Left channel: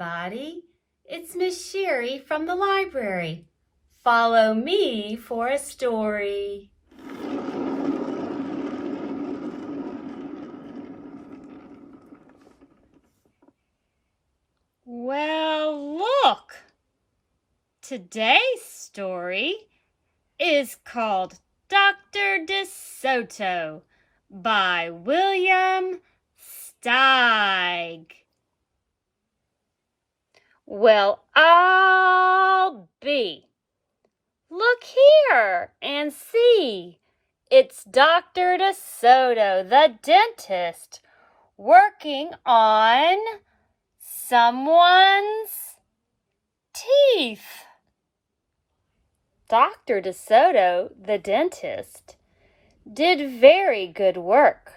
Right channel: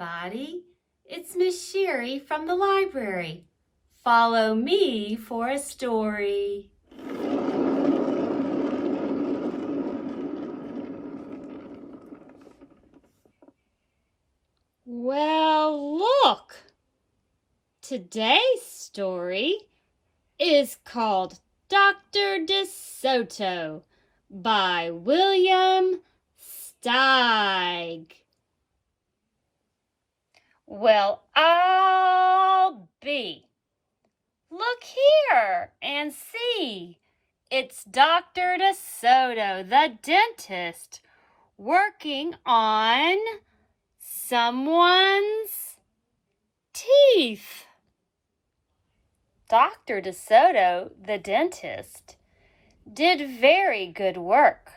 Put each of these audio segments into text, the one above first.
everybody. It's Miss Sherry from the library. Follow me for a story. Well, look! Today's story is called Dr. DeSoto by William Steig. Well, I'll be. Look here and see. It's Dr. DeSoto, the dentist, working on someone's teeth. Dr. DeSoto, the dentist, did very good work,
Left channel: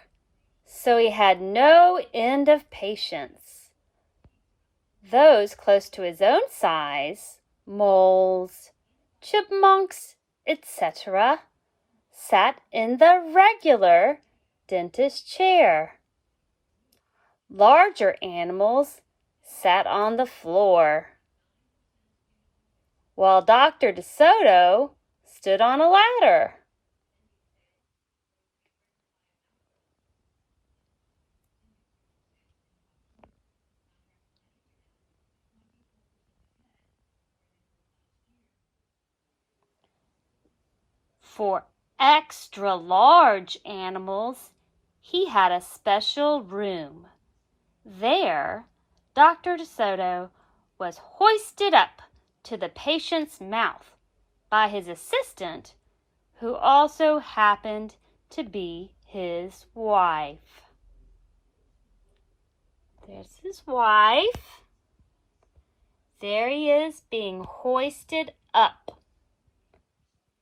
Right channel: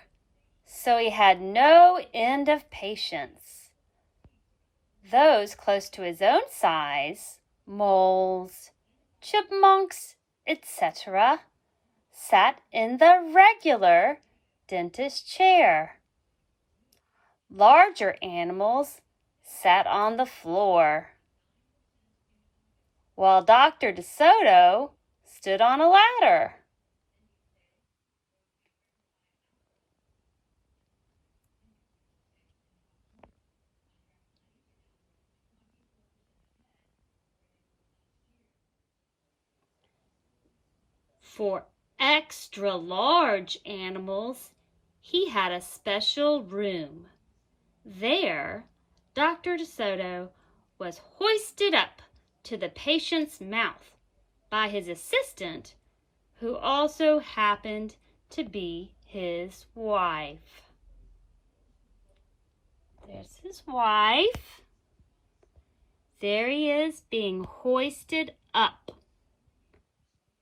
so he had no end of patients. Those close to his own size, moles, chipmunks, etc., sat in the regular dentist chair. Larger animals sat on the floor, while Dr. DeSoto stood on a ladder. For extra large animals, he had a special room. There, Dr. DeSoto was hoisted up to the patient's mouth by his assistant, who also happened to be his wife. There's his wife. There he is being hoisted up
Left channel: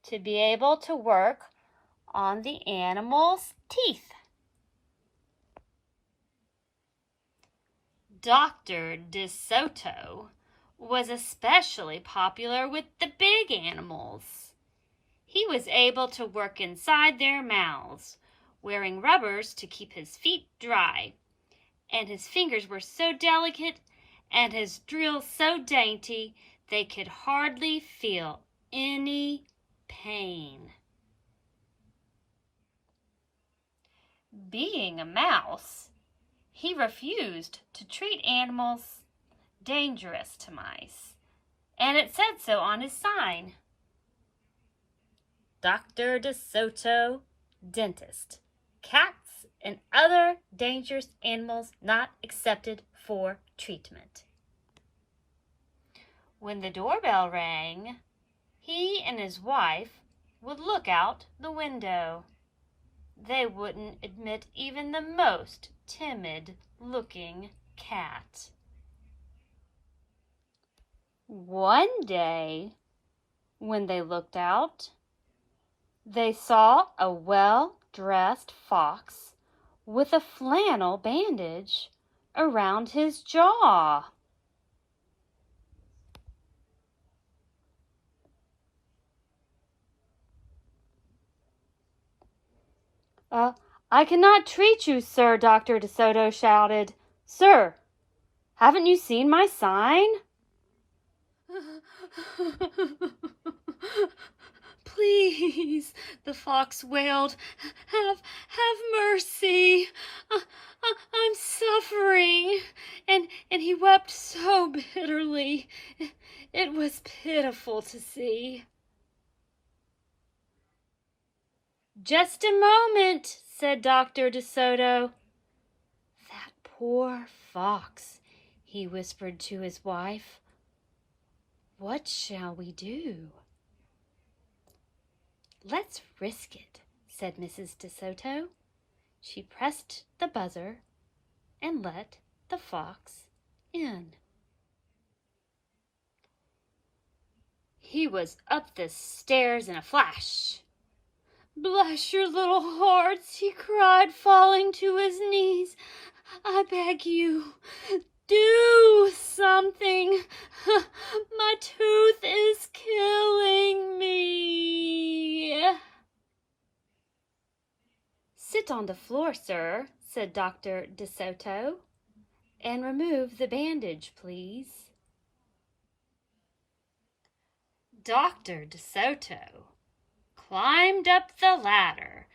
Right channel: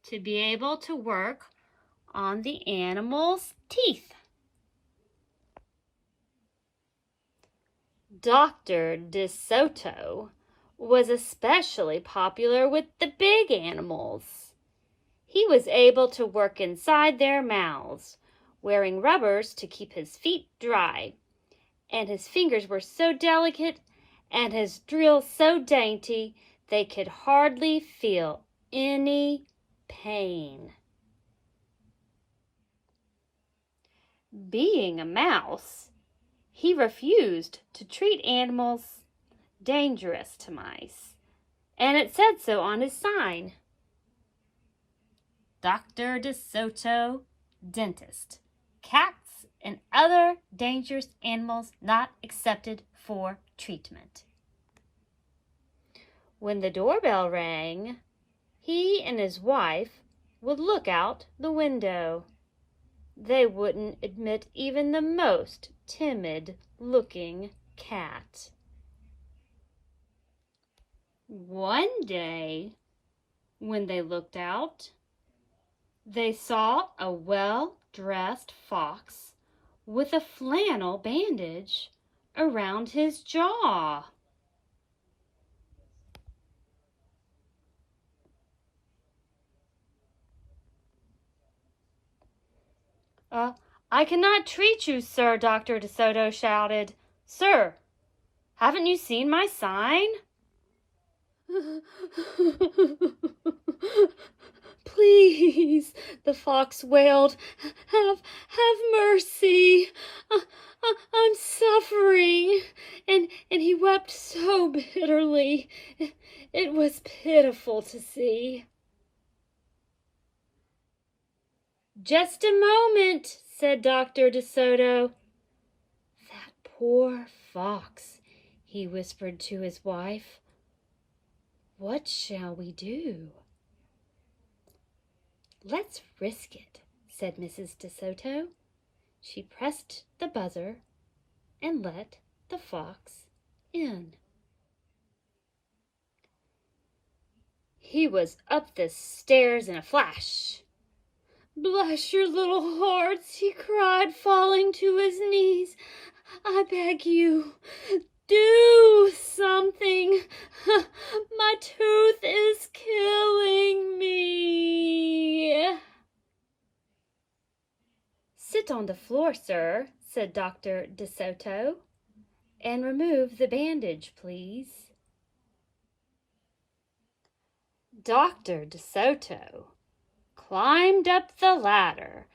to be able to work on the animal's teeth. Dr. DeSoto was especially popular with the big animals. He was able to work inside their mouths, wearing rubbers to keep his feet dry, and his fingers were so delicate and his drills so dainty they could hardly feel any pain. Being a mouse, he refused to treat animals dangerous to mice, and it said so on his sign. Dr. DeSoto, dentist. Cats and other dangerous animals not accepted for treatment. When the doorbell rang, he and his wife would look out the window. They wouldn't admit even the most timid-looking cat. One day, when they looked out, they saw a well-dressed fox with a flannel bandage around his jaw. I cannot treat you, sir, Dr. DeSoto shouted. Sir, haven't you seen my sign? Please, the fox wailed, have mercy. I'm suffering. And he wept so bitterly. It was pitiful to see. Just a moment, said Dr. DeSoto. That poor fox, he whispered to his wife. What shall we do? Let's risk it, said Mrs. DeSoto. She pressed the buzzer and let the fox in. He was up the stairs in a flash. Bless your little hearts, he cried, falling to his knees. I beg you, do something. My tooth is killing me. Sit on the floor, sir, said Dr. DeSoto, and remove the bandage, please." Dr. DeSoto climbed up the ladder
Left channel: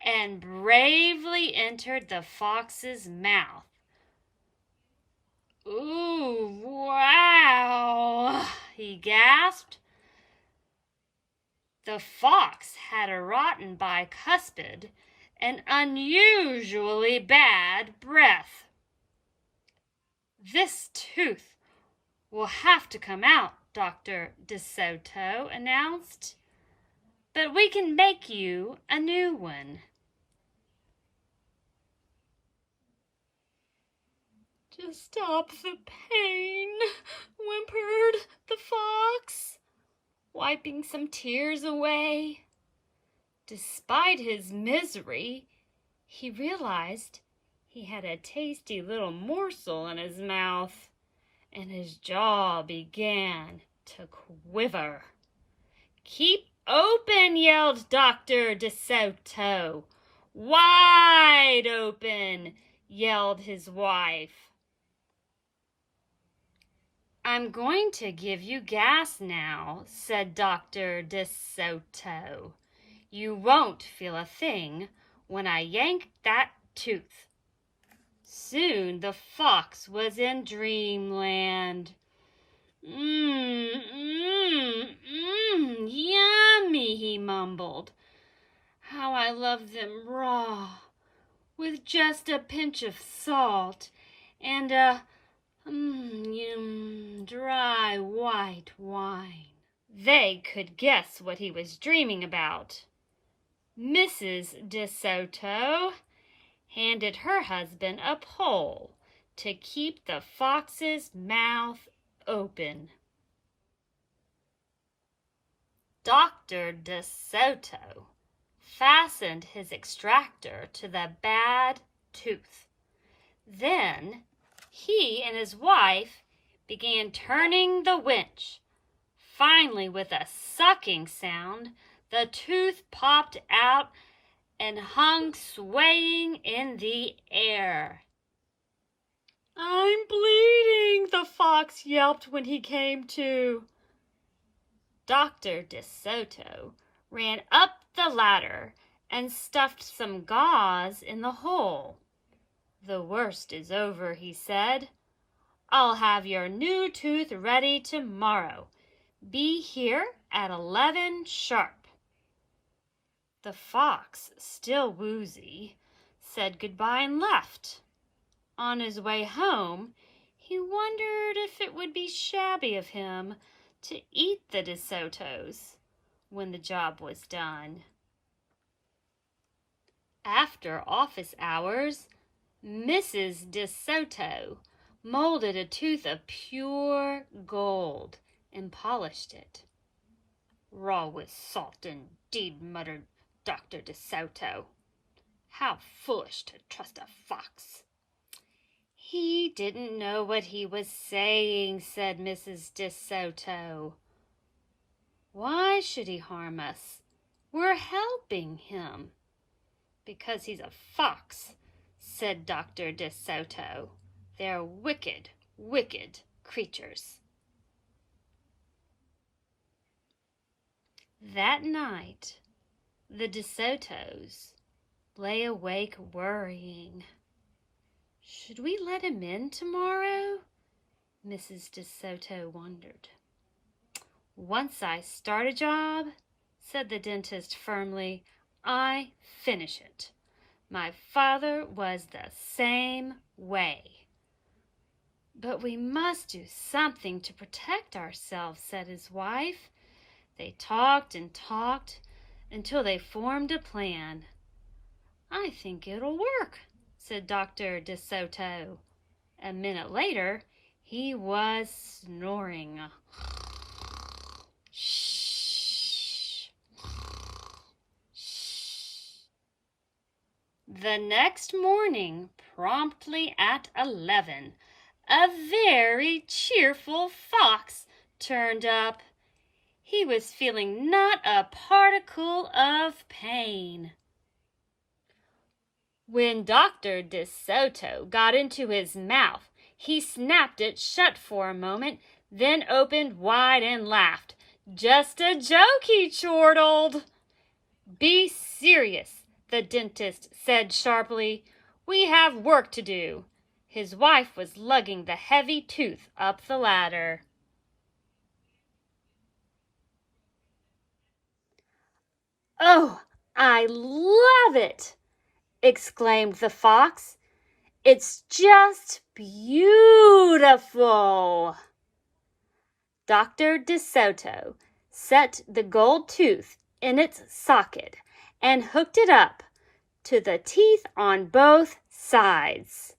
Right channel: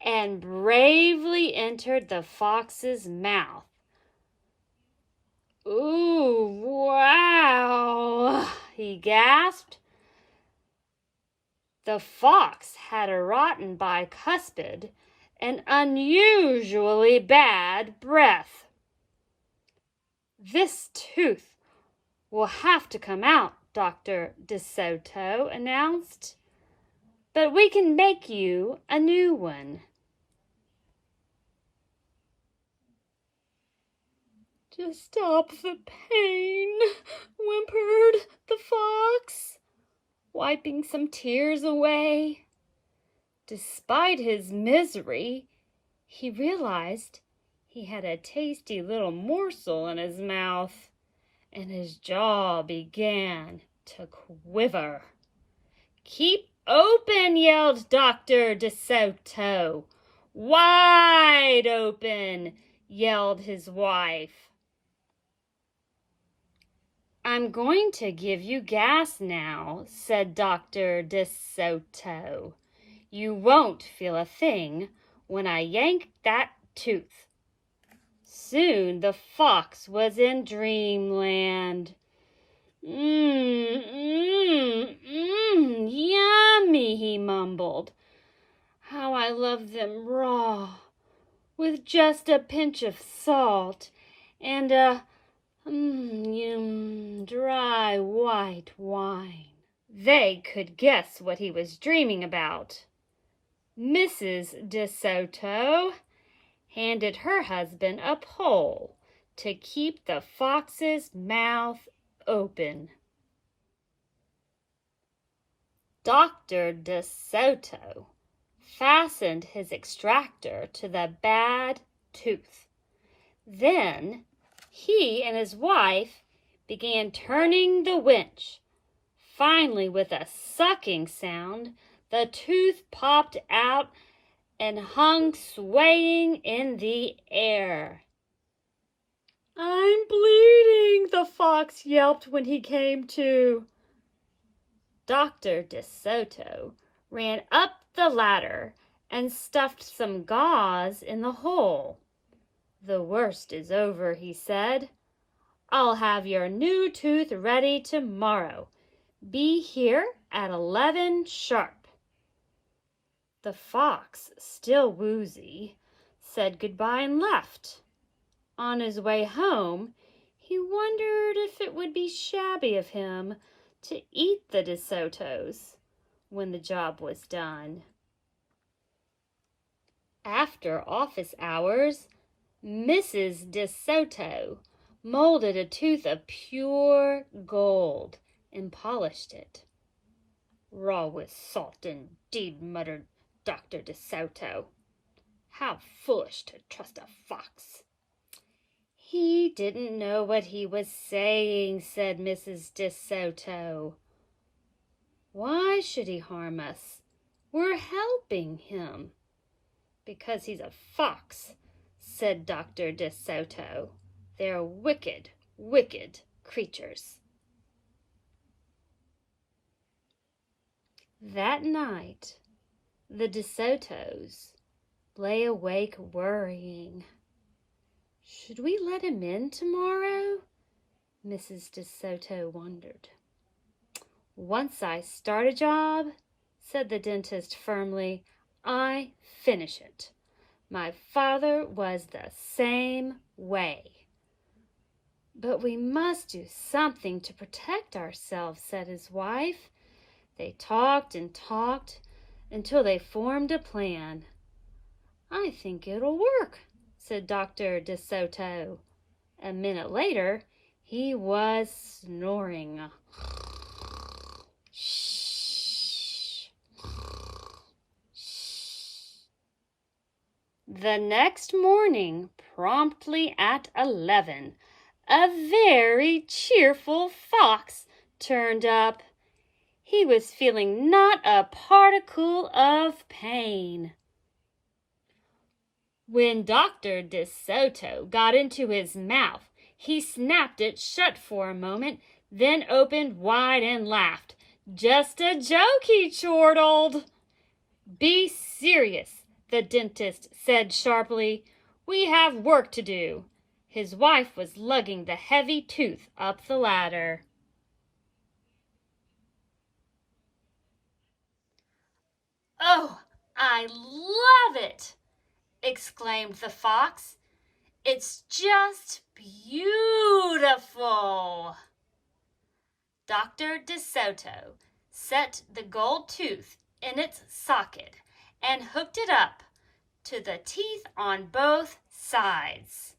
and bravely entered the fox's mouth. "Ooh, wow," he gasped. The fox had a rotten bicuspid and unusually bad breath. "This tooth will have to come out," Dr. DeSoto announced, "but we can make you a new one." "To stop the pain," whimpered the fox, wiping some tears away. Despite his misery, he realized he had a tasty little morsel in his mouth, and his jaw began to quiver. "Keep open," yelled Dr. DeSoto. "Wide open," yelled his wife. "I'm going to give you gas now," said Dr. DeSoto. "You won't feel a thing when I yank that tooth." Soon the fox was in dreamland. Yummy," he mumbled. "How I love them raw, with just a pinch of salt and a dry white wine." They could guess what he was dreaming about. Mrs. DeSoto handed her husband a pole to keep the fox's mouth open. Dr. DeSoto fastened his extractor to the bad tooth. Then he and his wife began turning the winch. Finally, with a sucking sound, the tooth popped out and hung swaying in the air. "I'm bleeding," the fox yelped when he came to. Dr. DeSoto ran up the ladder and stuffed some gauze in the hole. "The worst is over," he said. "I'll have your new tooth ready tomorrow. Be here at 11 sharp." The fox, still woozy, said goodbye and left. On his way home, he wondered if it would be shabby of him to eat the DeSotos when the job was done. After office hours, Mrs. DeSoto molded a tooth of pure gold and polished it. "Raw with salt, indeed," muttered Dr. DeSoto. "How foolish to trust a fox." "He didn't know what he was saying," said Mrs. DeSoto. "Why should he harm us? We're helping him." "Because he's a fox," said Dr. DeSoto. "They're wicked, wicked creatures." That night, the DeSotos lay awake worrying. "Should we let him in tomorrow?" Mrs. DeSoto wondered. "Once I start a job," said the dentist firmly, "I finish it. My father was the same way." "But we must do something to protect ourselves," said his wife. They talked and talked until they formed a plan. "I think it'll work," said Dr. DeSoto. A minute later, he was snoring. Shh. The next morning, promptly at 11, a very cheerful fox turned up. He was feeling not a particle of pain. When Dr. DeSoto got into his mouth, He snapped it shut for a moment, then opened wide and laughed. "Just a joke," he chortled. "Be serious," the dentist said sharply. "We have work to do." His wife was lugging the heavy tooth up the ladder. "Oh, I love it!" exclaimed the fox. "It's just beautiful." Dr. DeSoto set the gold tooth in its socket and hooked it up to the teeth on both sides.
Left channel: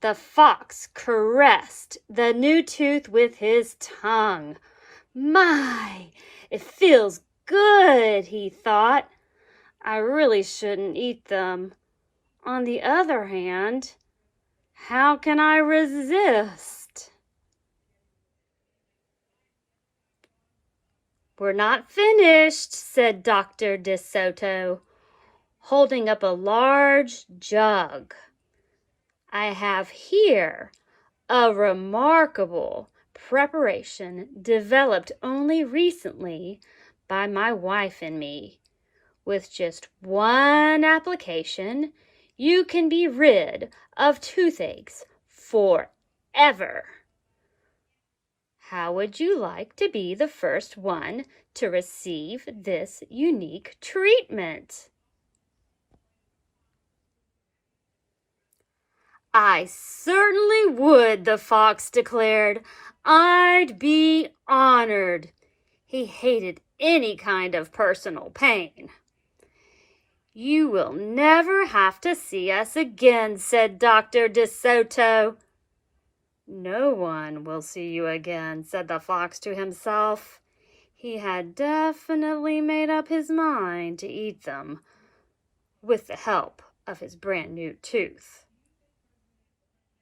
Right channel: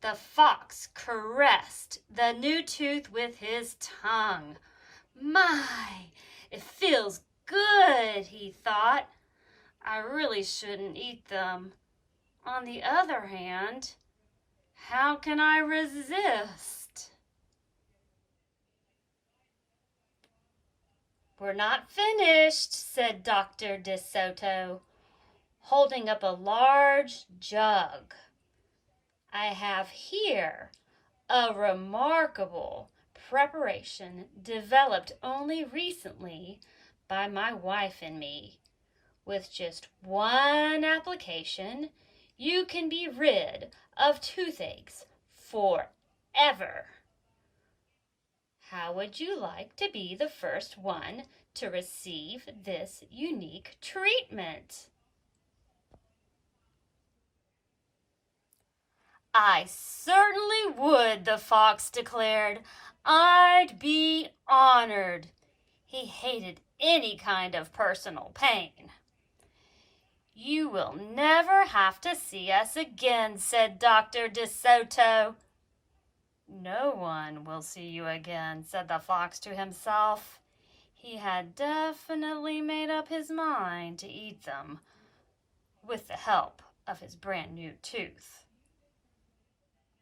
The fox caressed the new tooth with his tongue. "My, it feels good," he thought. "I really shouldn't eat them. On the other hand, how can I resist?" "We're not finished," said Dr. DeSoto, holding up a large jug. "I have here a remarkable preparation developed only recently by my wife and me. With just one application, you can be rid of toothaches forever. How would you like to be the first one to receive this unique treatment?" "I certainly would," the fox declared. "I'd be honored." He hated any kind of personal pain. "You will never have to see us again," said Dr. DeSoto. "No one will see you again," said the fox to himself. He had definitely made up his mind to eat them with the help of his brand new tooth.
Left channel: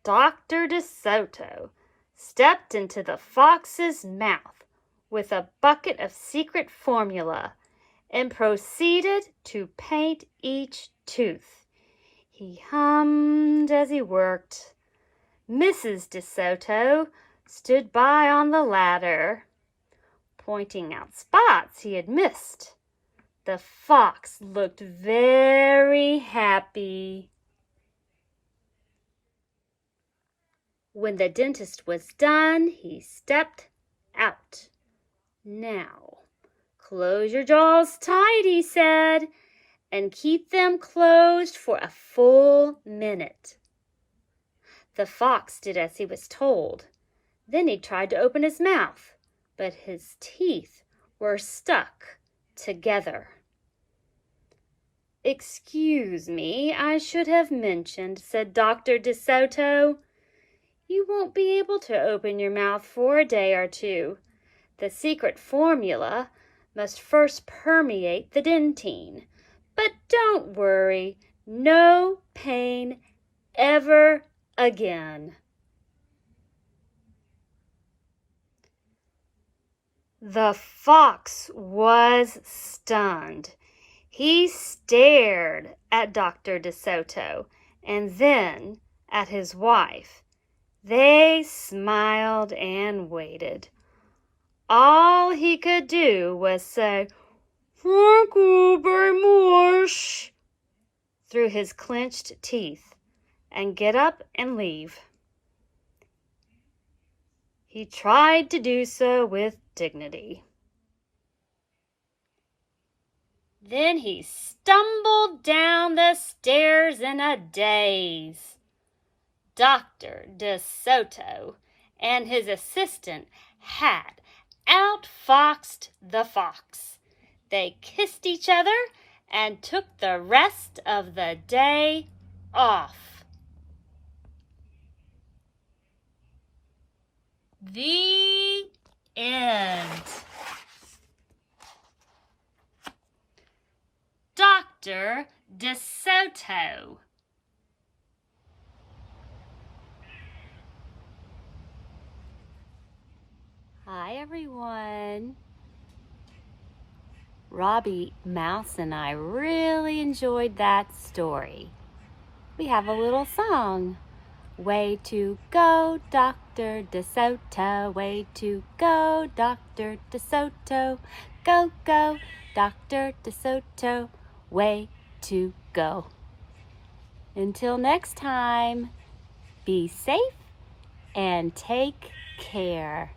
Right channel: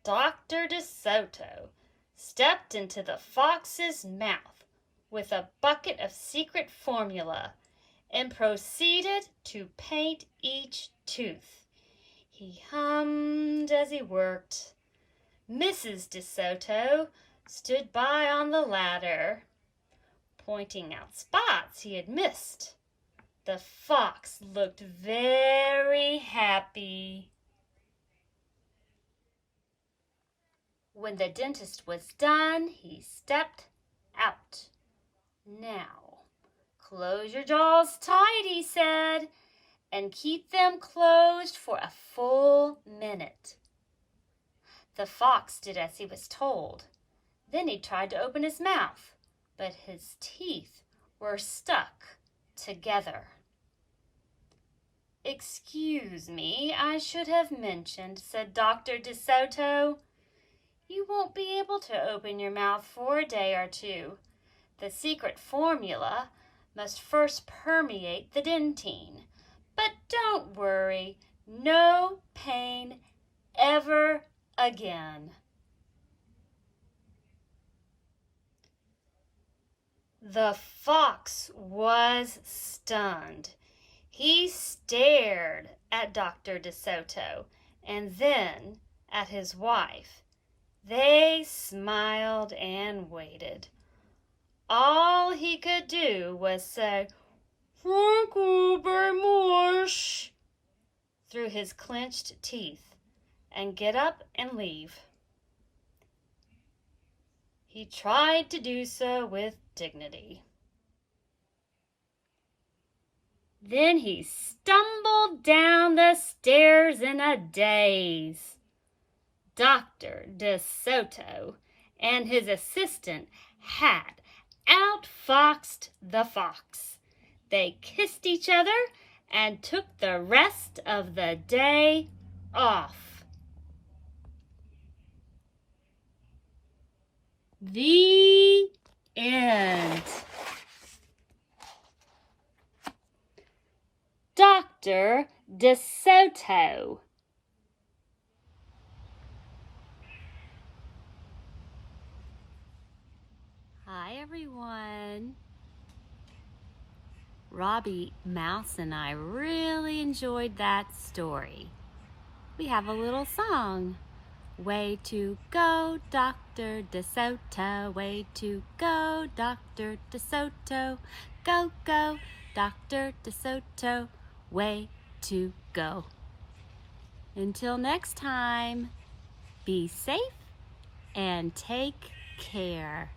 Dr. DeSoto stepped into the fox's mouth with a bucket of secret formula and proceeded to paint each tooth. He hummed as he worked. Mrs. DeSoto stood by on the ladder, pointing out spots he had missed. The fox looked very happy. When the dentist was done, he stepped out. "Now, close your jaws tight," he said, "and keep them closed for a full minute." The fox did as he was told. Then he tried to open his mouth, but his teeth were stuck together. "Excuse me, I should have mentioned," said Dr. DeSoto. "You won't be able to open your mouth for a day or two. The secret formula must first permeate the dentine. But don't worry, no pain ever again." The fox was stunned. He stared at Dr. DeSoto and then at his wife. They smiled and waited. All he could do was say, "Thank you very much," through his clenched teeth, and get up and leave. He tried to do so with dignity. Then he stumbled down the stairs in a daze. Dr. DeSoto and his assistant had outfoxed the fox. They kissed each other and took the rest of the day off. The end. Dr. DeSoto. Hi, everyone. Robbie Mouse and I really enjoyed that story. We have a little song. Way to go, Dr. DeSoto. Way to go, Dr. DeSoto. Go, go, Dr. DeSoto. Way to go. Until next time, be safe and take care.